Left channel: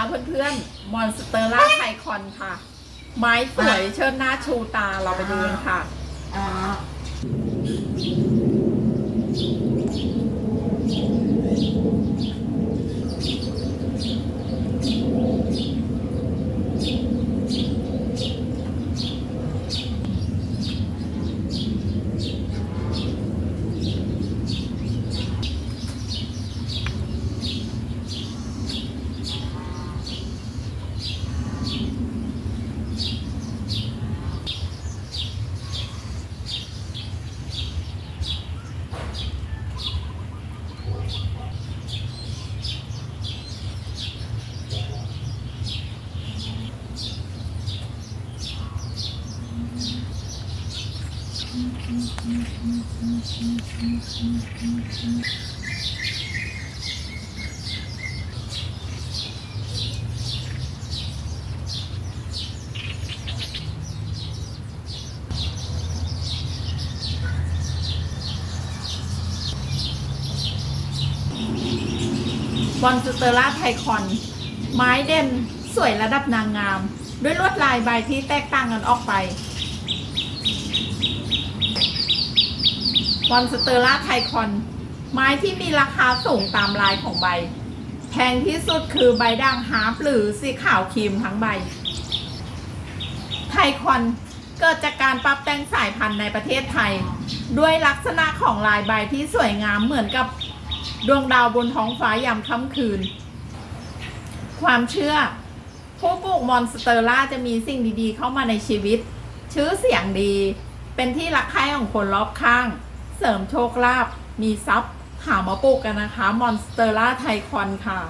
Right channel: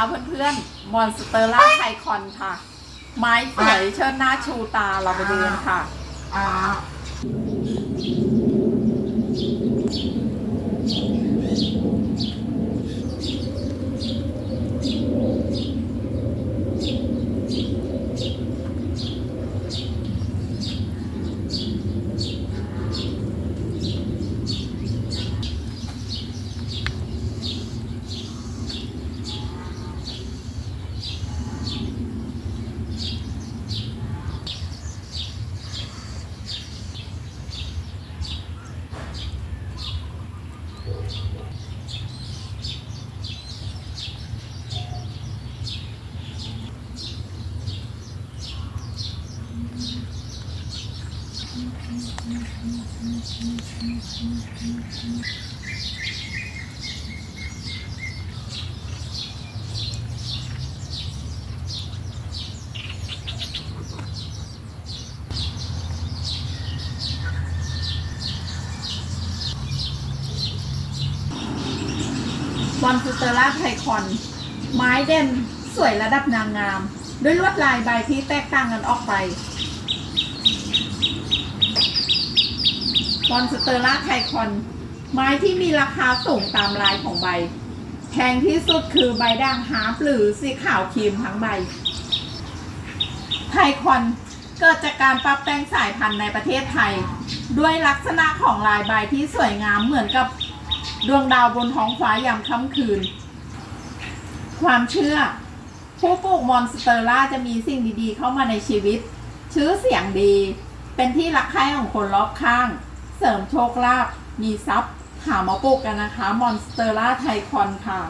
นะคะเพื่อนๆ มอนสเตอร่าไทคอนค่ะ ไม้สวยเชิญหน้าชูตาเราไปดูกันค่ะ มอนสเตอร่าไทคอน ไม้เด่นสวยระดับนางงาม ด้วยลวดลายใบที่แตกต่างกันออกไป มอนสเตอร่าไทคอน ไม้ที่มีราคาสูงตามลายของใบ แพงที่สุดคือใบด่างฮาร์ปหรือสีขาวครีมทั้งใบ ไทคอนเกิดจากการปรับแต่งสายพันธุ์ในประเทศไทย ด้วยลักษณะของลายใบที่สวยงามเหมือนกับดวงดาวบนท้องฟ้ายามค่ำคืน ความเชื่อ ผู้ปลูกมอนสเตอร่าจะมีสิ่งดีๆ เข้ามาในชีวิต ชื่อเสียงดี เป็นที่รักใคร่ของคนรอบข้าง เสริมโชคลาภมีทรัพย์หามาปลูกกันนะคะ มอนสเตอร่าไทคอนค่ะ